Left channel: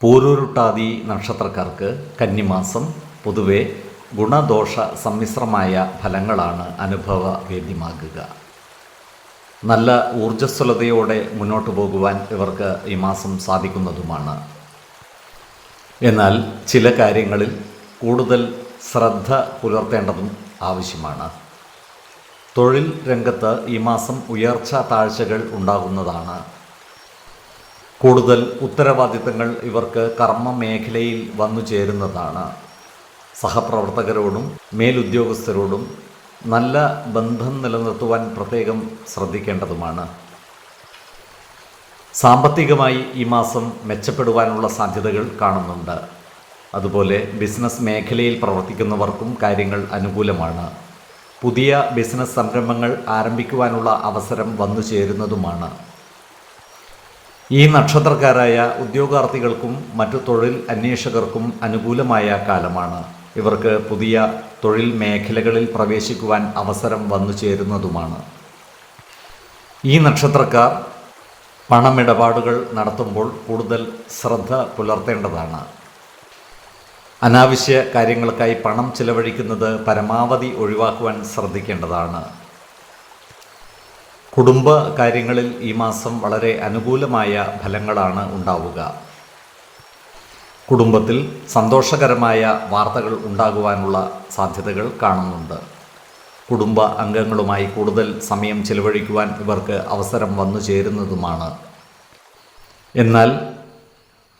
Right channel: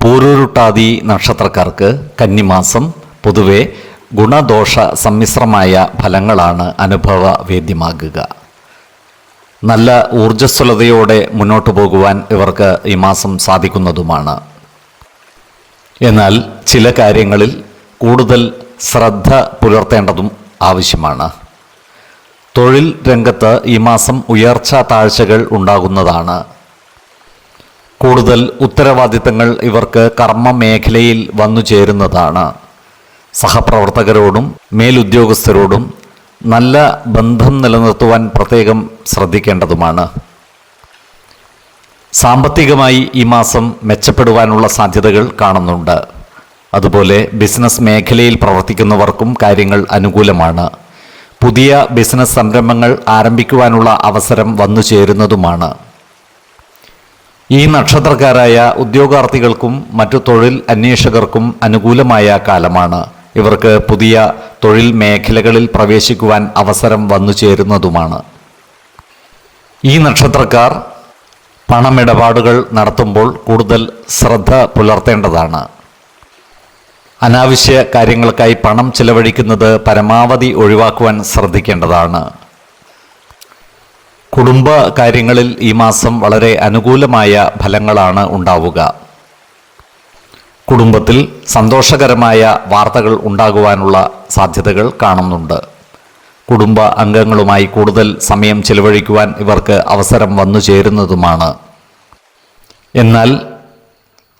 പൂരുരുട്ടാതി നക്ഷത്രക്കാർക്ക് കന്നിമാസം പൊതുവെ ഗുണദോഷ സമ്മിശ്രമായ ഫലങ്ങളാണ് അനുഭവവേദ്യമാകുക നല്ല ഊർജസ്വലതയോടെ മുന്നോട്ടു പോകുവാൻ ഇവർക്ക് ഈ മാസം സാധിക്കുന്നതുമാണ്. എന്നാൽ ചില കാര്യങ്ങളിൽ കൂടുതൽ ശ്രദ്ധ പുലർത്തേണ്ടതും ആവശ്യമാണ്. തൊഴിൽ രംഗത്ത് ഈ മാസം ഉയർച്ച താഴ്ചകൾ ഉണ്ടാകുന്നതാണ് കൂടുതൽ ഉത്തരവാദിത്തങ്ങൾ ഇവർക്ക് കർമ്മ മേഖലയിൽ വന്നു ചേരുന്നതാണ്. സഹപ്രവർത്തകരോടും മേലുദ്യോഗസ്ഥരോടും നല്ല ബന്ധം നിലനിർത്തുവാൻ പ്രത്യേകം ശ്രദ്ധിക്കേണ്ടതുമാണ്. സാമ്പത്തികമായി ഈ മാസം മെച്ചപ്പെടുവാനുള്ള സാധ്യതകൾ കാണുന്നുണ്ട്. അതുപോലെ ബിസിനസ് മേഖലയിൽ പ്രവർത്തിക്കുന്നവർക്കും കാര്യങ്ങൾ അനുകൂലമാണ്. പുതിയ ബിസിനസ് സംരംഭങ്ങൾ ആരംഭിക്കുവാനുള്ള അവസരം വന്നു ചേരുന്നതുമാണ്. ഈ നക്ഷത്രക്കാരായ ഉദ്യോഗാർത്ഥികൾക്കും മറ്റു തൊഴിൽ അന്വേഷകർക്കും അനുകൂലമായ കാലമാണ്. ഇവർക്ക് പുതിയ തൊഴിൽ മേഖലകളിൽ പ്രവേശിക്കുവാൻ അവസരം വന്നു ചേരുന്നതുമാണ്. ഈ നക്ഷത്രക്കാർ പണമിടപാടുകൾ നടത്തുമ്പോൾ കൂടുതൽ ശ്രദ്ധ പുലർത്തേണ്ടതാണ്. അനാവശ്യ കാര്യങ്ങൾക്കായി പണം ചിലവഴിക്കുന്നത് പരമാവധി ഒഴിവാക്കുവാൻ ശ്രദ്ധിക്കേണ്ടതാണ്. കുടുംബ കാര്യങ്ങളിൽ ഈ മാസം വളരെ അനുകൂലമായ ഫലങ്ങളാണ് ഉണ്ടാവുക. കുടുംബത്തിൽ സന്തോഷകരമായ വാർത്തകൾ ഉണ്ടാകുവാനുള്ള സാധ്യതകൾ കാണുന്നുണ്ട്. കുടുംബ അംഗങ്ങളുമായി കൂടുതൽ സമയം ചെലവഴിക്കുവാൻ ഇവർക്ക് അവസരം വന്നു ചേരുന്നതുമാണ്. എന്നാൽ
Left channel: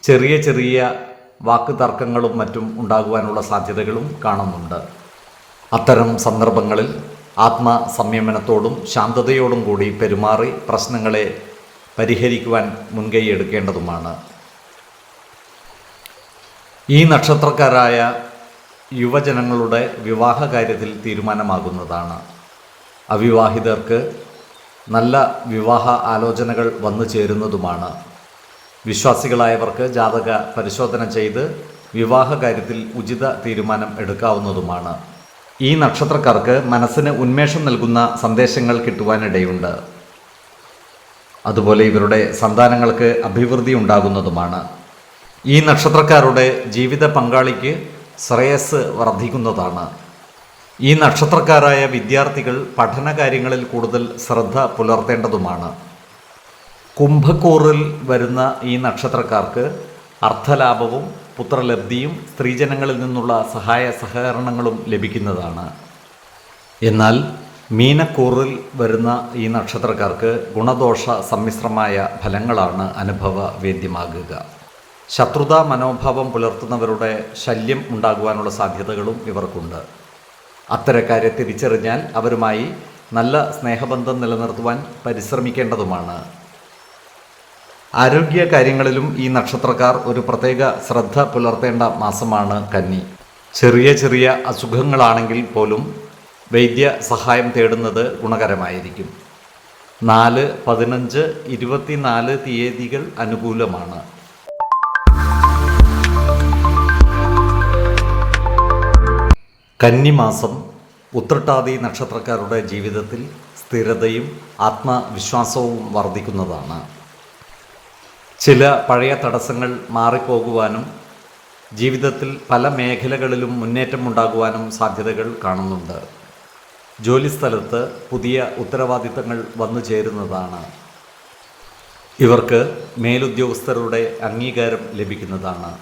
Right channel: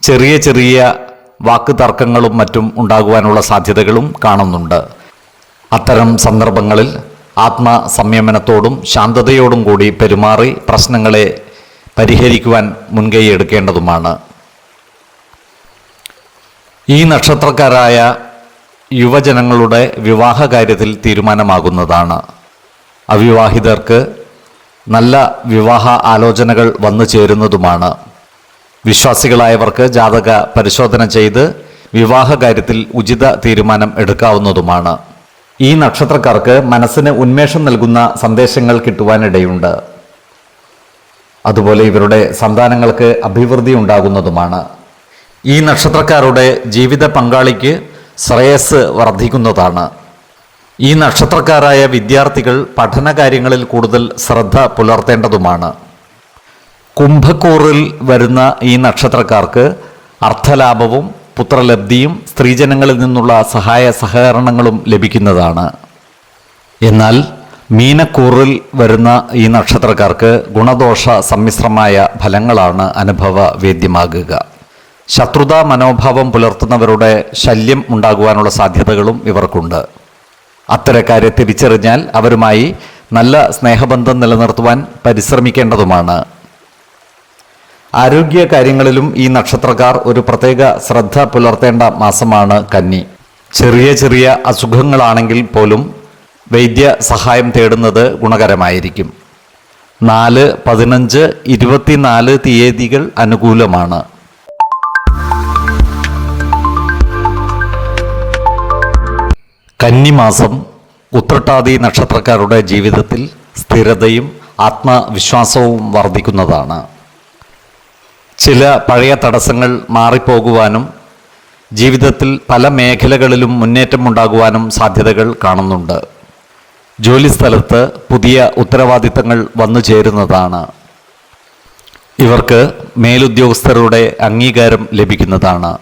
ചെറിയ ചെറിയ വാക്ക് തർക്കങ്ങളും മറ്റും ഉണ്ടാകുവാനുള്ള സാധ്യതകളും കാണുന്നുണ്ട്. അത്തരം സന്ദർഭങ്ങളിൽ ആത്മസംയമനത്തോടും ശാന്തതയോടും കൂടി പെരുമാറി പ്രശ്നങ്ങളെ പരിഹരിക്കുവാൻ മുൻകൈ എടുക്കേണ്ടതുമാണ്. ഈ നക്ഷത്രക്കാരായ യുവജനങ്ങളുടെ വിവാഹ കാര്യത്തിൽ തീരുമാനമാകുന്നതാണ്. അവിവാഹിതർക്ക് നല്ല വിവാഹ ആലോചനകൾ വന്നു ചേരുന്നതുമാണ്. വിശ്വാസികളായവർക്ക് ജാതക പരിശോധന ചെയ്ത് വിവാഹ കാര്യത്തിൽ ഉചിത തീരുമാനം എടുക്കാവുന്നതുമാണ്. ഈ നക്ഷത്രക്കാർക്ക് മനസ്സിന് ഉന്മേഷം നൽകുന്ന സന്ദേശങ്ങൾ കിട്ടുവാനിടയുണ്ട്. അതുപോലെ ഇവരുടെ സന്താനങ്ങൾക്ക് അഭിവൃദ്ധി ഉണ്ടാകുന്നതുമാണ്. ഈ നക്ഷത്രക്കാരുടെ ജീവിത പങ്കാളിക്ക് ശ്രേയസ് വർദ്ധിക്കുന്നതാണ്. ഈ നക്ഷത്രക്കാരായ വിദ്യാർത്ഥികൾ പഠന കാര്യങ്ങളിൽ കൂടുതൽ ശ്രദ്ധ പുലർത്തേണ്ടതുമാണ്. കുംഭക്കൂറിൽ വരുന്ന ഈ നക്ഷത്രക്കാർക്ക് അർത്ഥലാഭവും പുത്രലബ്ധിയും സ്ത്രീജനങ്ങളിൽ നിന്നുള്ള സഹായ സഹകരണങ്ങളും ലഭിക്കുന്നതാണ്. എന്നാൽ മീനക്കൂറിൽ വരുന്ന ഈ നക്ഷത്രക്കാർക്ക് ഗുണദോഷ സമ്മിശ്രമായ ഫലങ്ങളാണ് അനുഭവ വേദ്യമാകുക. ശത്രുതാ മനോഭാവം പുലർത്തുന്നവരുടെ ശല്യം ഉണ്ടാകുവാനുള്ള സാധ്യതകളും ഇവർക്കുണ്ട്. അത്തരക്കാരെ തിരിച്ചറിഞ്ഞാൽ അവരുമായി നല്ല സ്നേഹബന്ധം നിലനിർത്തുവാൻ പരിശ്രമിക്കേണ്ടതുമാണ്. ആരോഗ്യ കാര്യങ്ങളിലും ഈ നക്ഷത്രക്കാർ ഒരു പ്രത്യേക ശ്രദ്ധ പുലർത്തേണ്ട മാസമാണ് കന്നി. ചെറിയ ചെറിയ അസുഖങ്ങളാണെങ്കിൽ പോലും വൈദ്യ സഹായം തേടുന്നത് ഗുണകരമായിരിക്കും. നാല് പതിനഞ്ച് ഇരുപത്തിനാല് തീയതികൾ അനുകൂലമാണ്. കന്നി മാസം ഉത്രട്ടാതി നക്ഷത്രക്കാരുടെ ജീവിതത്തിൽ സ്ഥിരതയും ആത്മവിശ്വാസവും വർദ്ധിക്കുന്നതാണ്. ചില പഴയ തടസ്സങ്ങൾ മാറിപ്പോകുവാനും ജീവിതത്തിൽ പല മേഖലകളിലും മുന്നേറ്റം ഉണ്ടാകുവാനും സാധ്യതകൾ കാണുന്നുണ്ട്. ജോലിസ്ഥലത്ത് പുതിയ ഉത്തരവാദിത്തങ്ങൾ വന്നു ചേരുന്നതാണ്. ഇവർക്ക് മേലുദ്യോഗസ്ഥരുടെ അംഗീകാരം ലഭിക്കുന്നതാണ്.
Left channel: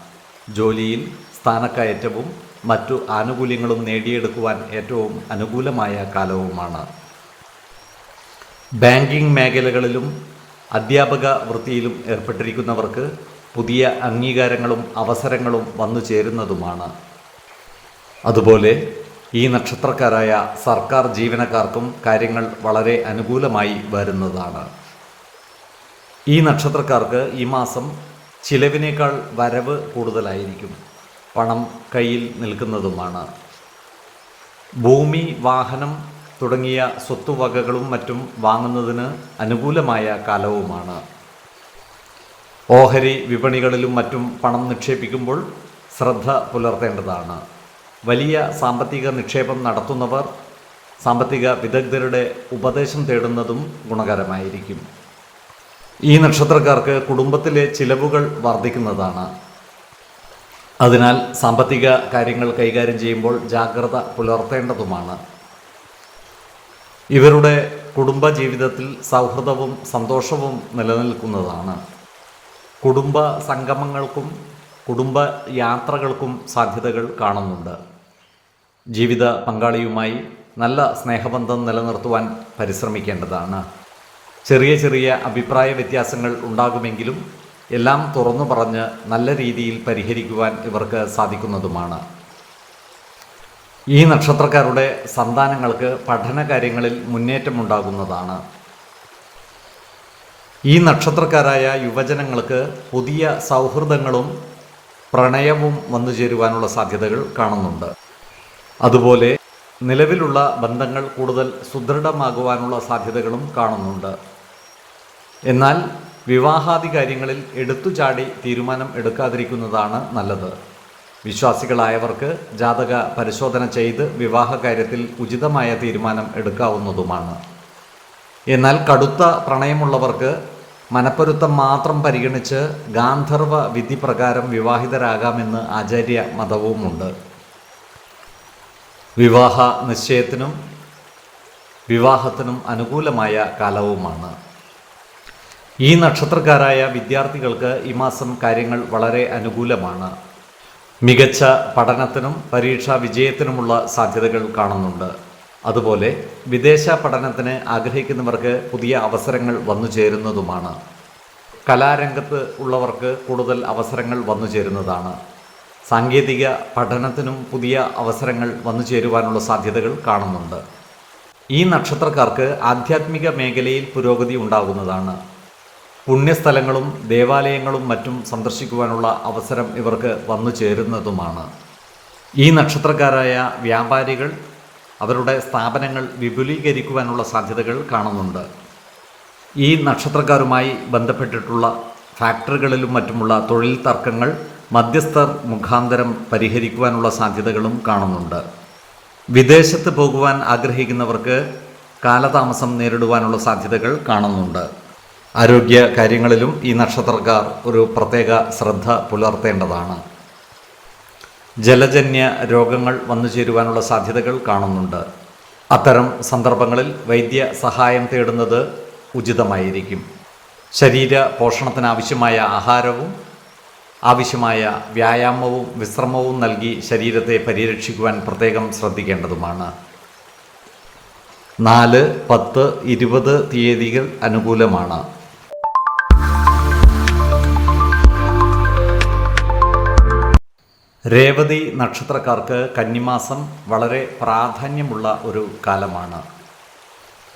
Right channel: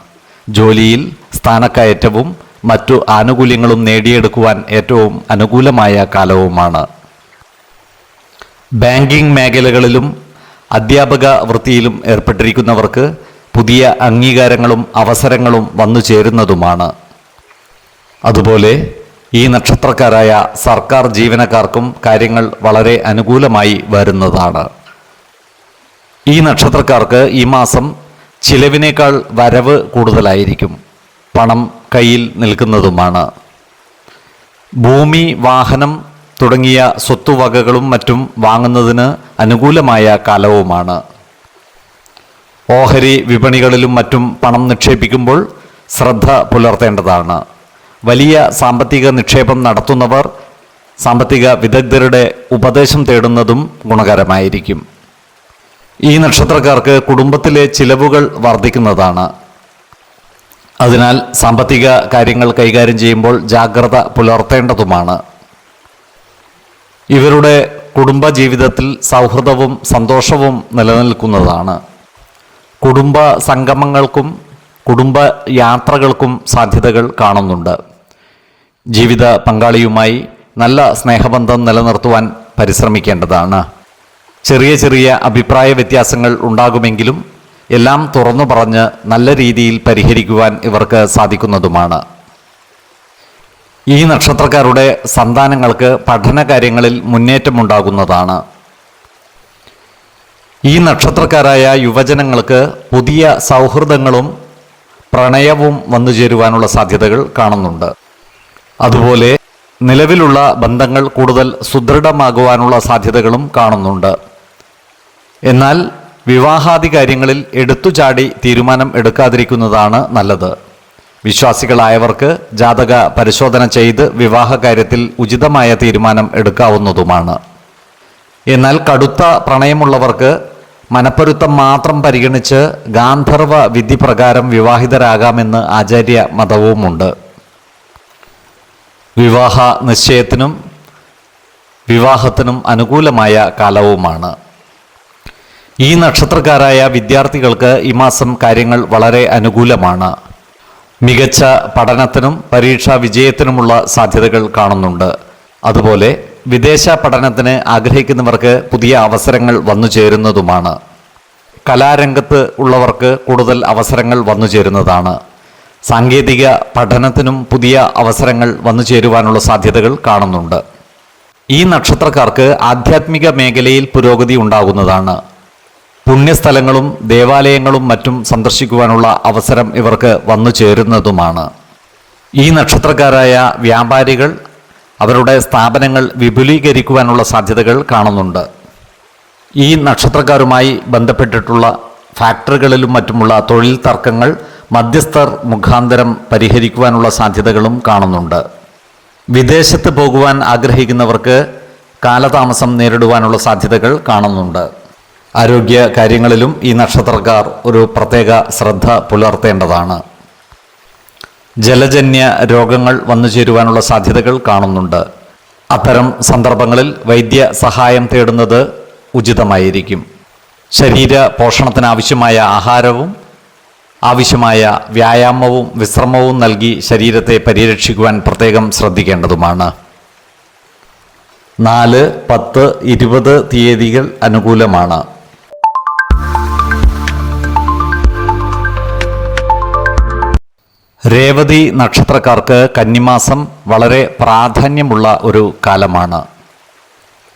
ജോലിയിൽ സ്ഥാനക്കയറ്റവും മറ്റു ആനുകൂല്യങ്ങളും നേടിയെടുക്കുവാൻ ഏറ്റവും അനുകൂലമായ കാലവുമാണ്. ബാങ്കിംഗ് മേഖലകളിലും അധ്യാപക വൃത്തിയിലും ഏർപ്പെട്ടിരിക്കുന്നവർക്ക് പുതിയ അംഗീകാരങ്ങളും അവസരങ്ങളും വന്നു ചേരുന്നതുമാണ്. അതുപോലെ ഈ നക്ഷത്രക്കാരായ സർക്കാർ ജീവനക്കാർക്കും കാര്യങ്ങൾ വളരെ അനുകൂലമായി വരുന്നതാണ്. ഈ നക്ഷത്രക്കാർക്ക് ഈ മാസം ചിലവിനേക്കാൾ വരവ് കൂടുതലായിരിക്കും. പണം കയ്യിൽ നിൽക്കുന്നതുമാണ്. ഭൂമി വാഹനം തുടങ്ങിയ സ്വത്തുവകകളും മറ്റും വാങ്ങുന്നതിന് അനുകൂലമായ കാലവുമാണ്. ഓഹരി വിപണികളിലും മറ്റും പണം നിക്ഷേപിക്കുമ്പോൾ ശ്രദ്ധ പുലർത്തേണ്ടതാണ്. വലിയ സാമ്പത്തിക നിക്ഷേപം നടത്തുന്നവർ സാമ്പത്തിക വിദഗ്ധരുടെ ഉപദേശം തേടുന്നതും ഗുണകരമായിരിക്കും. ഈ നക്ഷത്രക്കാർക്ക് കുടുംബത്തിലെ ചിലവുകൾ വർദ്ധിക്കുന്നതാണ്. അതിനാൽ സാമ്പത്തിക കാര്യങ്ങൾ കൈകാര്യം ചെയ്യുമ്പോൾ ജാഗ്രത പുലർത്തേണ്ടതുമാണ്. ഇവരുടെ കുടുംബ ജീവിതത്തിൽ സൗഹൃദവും സന്തോഷവും നിലനിൽക്കുന്നതാണ്. കുടുംബ സംഗമങ്ങൾക്കും കുടുംബ യാത്രകൾക്കും സാധ്യതകൾ കാണുന്നുണ്ട്. ജീവിത പങ്കാളിയുമായി നല്ല സ്നേഹബന്ധം നിലനിർത്തുവാൻ പരിശ്രമിക്കേണ്ടതാണ്. ചെറിയ ചെറിയ അഭിപ്രായ വ്യത്യാസങ്ങൾ ഉണ്ടാകുമെങ്കിലും എല്ലാം തുറന്നു പറഞ്ഞ് നല്ല രീതിയിൽ പരിഹരിക്കുവാൻ ഇവർക്ക് സാധിക്കുന്നതുമാണ്. ഈ നക്ഷത്രക്കാരുടെ സന്താനങ്ങൾക്ക് പഠന കാര്യങ്ങളിൽ മുന്നേറ്റമുണ്ടാകുന്നതാണ്. ഈ നക്ഷത്രക്കാരായ യുവജനങ്ങൾക്ക് പുതിയ സൗഹൃദങ്ങളും പ്രണയവും വന്നു ചേരുവാനുള്ള സാധ്യതകൾ കാണുന്നുണ്ട്. അതുപോലെ നിലവിലുള്ള ബന്ധങ്ങൾ കൂടുതൽ സുദൃഢമാകുവാനുള്ള സാധ്യതകളും കാണുന്നുണ്ട്. എന്നാൽ വിവാഹാദി കാര്യങ്ങളിൽ എടുത്തുചാടി തീരുമാനം എടുക്കാതിരിക്കുന്നതാണ് നല്ലത്. വിശ്വാസികളായവർക്ക് ജാതക പരിശോധന ചെയ്ത് വിവാഹ കാര്യത്തിൽ ഉചിതമായ തീരുമാനം എടുക്കാവുന്നതുമാണ്. എന്നാൽ കടുത്ത പ്രണയമുള്ളവർക്ക് മനപ്പൊരുത്തം മാത്രം പരിഗണിച്ച് ഗാന്ധർവ വിധി പ്രകാരം വിവാഹിതരാകാമെന്ന് ആചാര്യ മതവുമുണ്ട്. വിവാഹ നിശ്ചയത്തിനും വിവാഹത്തിനും അനുകൂലമായ കാലവുമാണ്. ഈ നക്ഷത്രക്കാരായ വിദ്യാർത്ഥികൾക്ക് ഈ മാസം കാര്യങ്ങൾ വളരെ അനുകൂലമാണ്. മികച്ച പഠനത്തിനും പരീക്ഷാ വിജയത്തിനുമുള്ള സാധ്യതകൾ കാണുന്നുണ്ട്. അതുപോലെ വിദേശ പഠനത്തിന് ആഗ്രഹിക്കുന്നവർക്ക് പുതിയ അവസരങ്ങൾ വന്നു ചേരുന്നതുമാണ്. കലാരംഗത്ത് ഉള്ളവർക്ക് കൂടുതൽ അവസരങ്ങൾ വന്നു ചേരുന്നതാണ്. സാങ്കേതിക പഠനത്തിനും പുതിയ അവസരങ്ങൾ വന്നു ചേരുവാനുള്ള സാധ്യതകൾ കാണുന്നുണ്ട്. ഈ നക്ഷത്രക്കാർക്ക് ആധ്യാത്മിക മേഖലയിൽ പുരോഗതി ഉണ്ടാകുന്നതാണ്. പുണ്യസ്ഥലങ്ങളും ദേവാലയങ്ങളും മറ്റും സന്ദർശിക്കുവാനുള്ള അവസരം ഇവർക്ക് വന്നു ചേരുന്നതുമാണ്. ഈ നക്ഷത്രക്കാരായ വ്യാപാരികൾ അവരുടെ സ്ഥാപനങ്ങൾ വിപുലീകരിക്കുവാനുള്ള സാധ്യതകൾ കാണുന്നുണ്ട്. ഈ നക്ഷത്രക്കാരുമായി ബന്ധപ്പെട്ടിട്ടുള്ള ഫാക്ടറികളിലും മറ്റുമുള്ള തൊഴിൽ തർക്കങ്ങൾ മധ്യസ്ഥർ മുഖാന്തരം പരിഹരിക്കുവാനുള്ള സാധ്യതകളും കാണുന്നുണ്ട്. വിദേശത്ത് പോകുവാൻ ആഗ്രഹിക്കുന്നവർക്ക് കാലതാമസം നേരിടുവാനുള്ള സാധ്യതകൾ കാണുന്നുണ്ട്. ആരോഗ്യ കാര്യങ്ങളിലും ഈ നക്ഷത്രക്കാർ ഒരു പ്രത്യേക ശ്രദ്ധ പുലർത്തേണ്ടതാണ്. ജലജന്യ രോഗങ്ങൾ വന്നു ചേരുവാനുള്ള സാധ്യതകൾ കാണുന്നുണ്ട്. അത്തരം സന്ദർഭങ്ങളിൽ വൈദ്യ സഹായം തേടുന്നത് ഉചിതമായിരിക്കും. ശരീര പോഷണത്തിനാവശ്യമായ ആഹാരവും ആവശ്യമായ വ്യായാമവും വിശ്രമവും നൽകി ശരീരത്തെ പരിരക്ഷിക്കുവാൻ പ്രത്യേകം ശ്രദ്ധിക്കേണ്ടതുമാണ്. നാല് പത്ത് ഇരുപത് തീയതികൾ അനുകൂലമാണ്. രേവതി നക്ഷത്രക്കാർക്ക് കന്നിമാസം വളരെ പ്രാധാന്യമുള്ള ഒരു കാലമാണ്.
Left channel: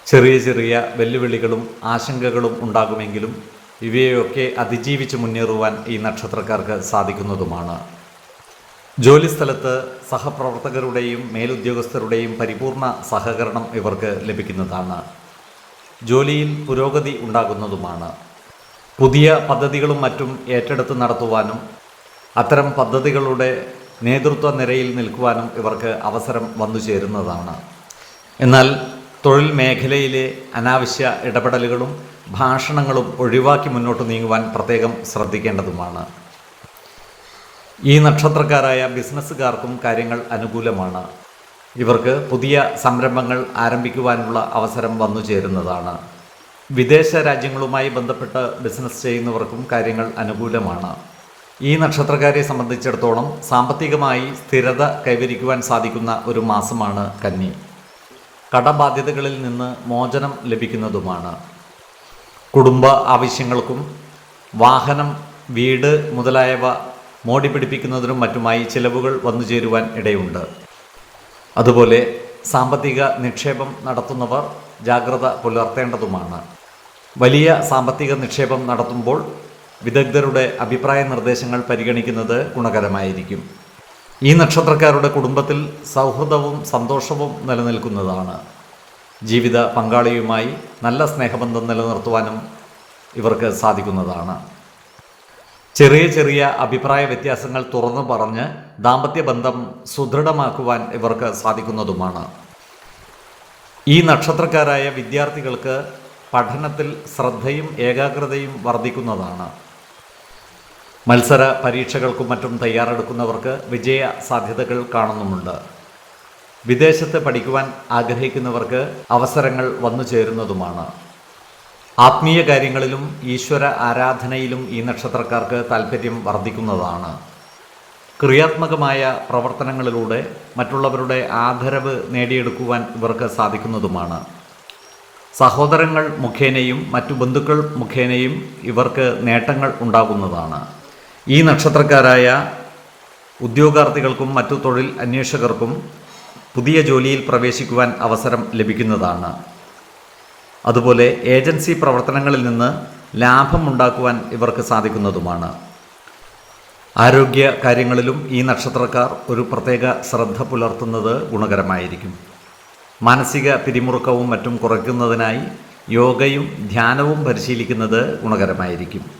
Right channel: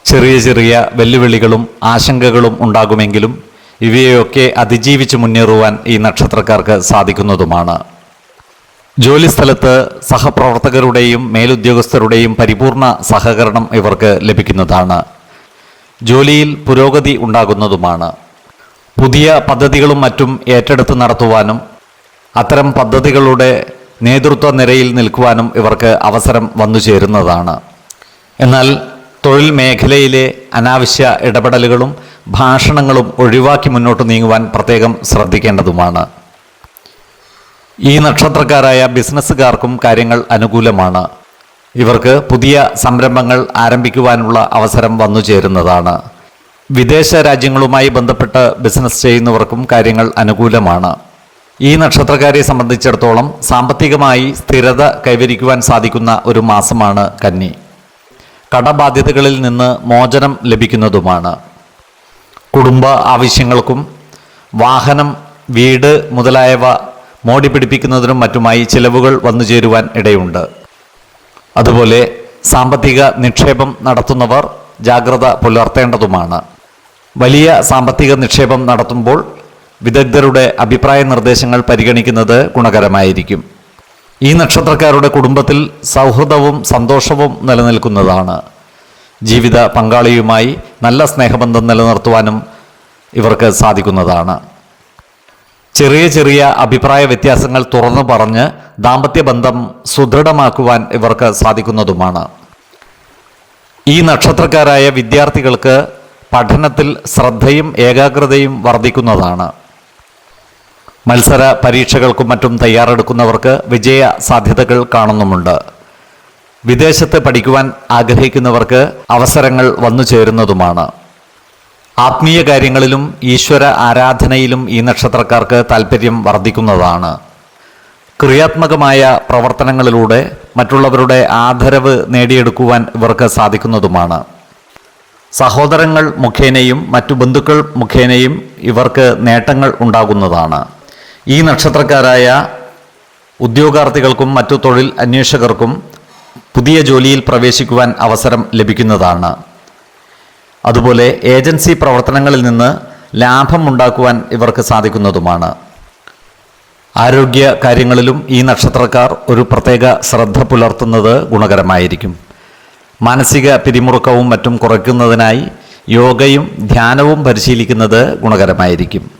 ചെറിയ ചെറിയ വെല്ലുവിളികളും ആശങ്കകളും ഉണ്ടാകുമെങ്കിലും ഇവയൊക്കെ അതിജീവിച്ച് മുന്നേറുവാൻ ഈ നക്ഷത്രക്കാർക്ക് സാധിക്കുന്നതുമാണ്. ജോലിസ്ഥലത്ത് സഹപ്രവർത്തകരുടെയും മേലുദ്യോഗസ്ഥരുടെയും പരിപൂർണ സഹകരണം ഇവർക്ക് ലഭിക്കുന്നതാണ്. ജോലിയിൽ പുരോഗതി ഉണ്ടാകുന്നതുമാണ്. പുതിയ പദ്ധതികളും മറ്റും ഏറ്റെടുത്ത് നടത്തുവാനും അത്തരം പദ്ധതികളുടെ നേതൃത്വ നിരയിൽ നിൽക്കുവാനും ഇവർക്ക് അവസരം വന്നു ചേരുന്നതാണ്. എന്നാൽ തൊഴിൽ മേഖലയിലെ അനാവശ്യ ഇടപെടലുകളും ഭാഷണങ്ങളും ഒഴിവാക്കി മുന്നോട്ട് നീങ്ങുവാൻ പ്രത്യേകം ശ്രദ്ധിക്കേണ്ടതുമാണ്. ഈ നക്ഷത്രക്കാരായ ബിസിനസ്സുകാർക്കും കാര്യങ്ങൾ അനുകൂലമാണ്. ഇവർക്ക് പുതിയ സംരംഭങ്ങൾ ആരംഭിക്കുവാനുള്ള അവസരം വന്നു ചേരുന്നതാണ്. വിദേശ രാജ്യങ്ങളുമായി ബന്ധപ്പെട്ട് ബിസിനസ് ചെയ്യുന്നവർക്കും കാര്യങ്ങൾ അനുകൂലമാണ്. ഈ നക്ഷത്രക്കാരെ സംബന്ധിച്ചിടത്തോളം സാമ്പത്തികമായി സ്ഥിരത കൈവരിക്കുവാൻ സാധിക്കുന്ന ഒരു മാസമാണ് കന്നി. കടബാധ്യതകളിൽ നിന്ന് മോചനം ലഭിക്കുന്നതുമാണ്. കുടുംബ ആവശ്യങ്ങൾക്കും വാഹനം വീട് മുതലായവ മോടി പിടിപ്പിക്കുന്നതിനും മറ്റുമായി ചിലവുകൾ വന്നു ചേരുവാൻ ഇടയുണ്ട്. അതുപോലെ സാമ്പത്തിക നിക്ഷേപം നടത്തുന്നവർ ജാഗ്രത പുലർത്തേണ്ടതുമാണ്. വലിയ സാമ്പത്തിക നിക്ഷേപം നടത്തുമ്പോൾ വിദഗ്ധരുടെ അഭിപ്രായ നിർദ്ദേശങ്ങൾ പരിഗണിക്കുന്നത് ഗുണകരമായിരിക്കും. ഈ നക്ഷത്രക്കാരുടെ കുടുംബത്തിൽ സൗഹൃദവും സന്തോഷവും നിലനിൽക്കുന്നതാണ്. ജീവിത പങ്കാളിയുമായി നല്ല സ്നേഹബന്ധം നിലനിർത്തുവാനും ഇവർക്ക് സാധിക്കുന്നതാണ്. ചെറിയ ചെറിയ അഭിപ്രായ വ്യത്യാസങ്ങൾ തുറന്നു പറഞ്ഞ് ദാമ്പത്യ ബന്ധം സുദൃഢമാക്കുവാൻ ഇവർക്ക് സാധിക്കുന്നതുമാണ്. ഈ നക്ഷത്രക്കാരായ വിദ്യാർത്ഥികൾക്ക് പഠനത്തിൽ ശ്രദ്ധയും ഏകാഗ്രതയും വർദ്ധിക്കുന്നതാണ്. മത്സര പരീക്ഷകൾക്കും മറ്റും തയ്യാറെടുക്കുന്നവർക്ക് വിജയ സാധ്യതകൾ കാണുന്നുമുണ്ട്. വിദേശത്ത് പഠിക്കുവാൻ ആഗ്രഹിക്കുന്നവർക്ക് അവസരങ്ങൾ വന്നു ചേരുന്നതുമാണ്. ആത്മീയ കാര്യങ്ങളിലും ഈശ്വര ആരാധനയിലും ഈ നക്ഷത്രക്കാർക്ക് താല്പര്യം വർദ്ധിക്കുന്നതാണ്. ക്രിയാത്മകമായ പ്രവർത്തനങ്ങളിലൂടെ മറ്റുള്ളവരുടെ ആദരവ് നേടിയെടുക്കുവാൻ ഇവർക്ക് സാധിക്കുന്നതുമാണ്. സഹോദരങ്ങൾ മുഖേനയും മറ്റു ബന്ധുക്കൾ മുഖേനയും ഇവർക്ക് നേട്ടങ്ങൾ ഉണ്ടാകുന്നതാണ്. ഈ നക്ഷത്രക്കാരായ ഉദ്യോഗാർത്ഥികൾക്കും മറ്റു തൊഴിൽ അന്വേഷകർക്കും പുതിയ ജോലിയിൽ പ്രവേശിക്കുവാൻ അവസരം ലഭിക്കുന്നതാണ്. അതുപോലെ ഏജൻസി പ്രവർത്തനങ്ങളിൽ നിന്ന് ലാഭം ഉണ്ടാക്കുവാൻ ഇവർക്ക് സാധിക്കുന്നതുമാണ്. ആരോഗ്യ കാര്യങ്ങളിലും ഈ നക്ഷത്രക്കാർ ഒരു പ്രത്യേക ശ്രദ്ധ പുലർത്തുന്നത് ഗുണകരമായിരിക്കും. മാനസിക പിരിമുറുക്കവും മറ്റും കുറയ്ക്കുന്നതിനായി യോഗയും ധ്യാനവും പരിശീലിക്കുന്നത് ഗുണകരമായിരിക്കും.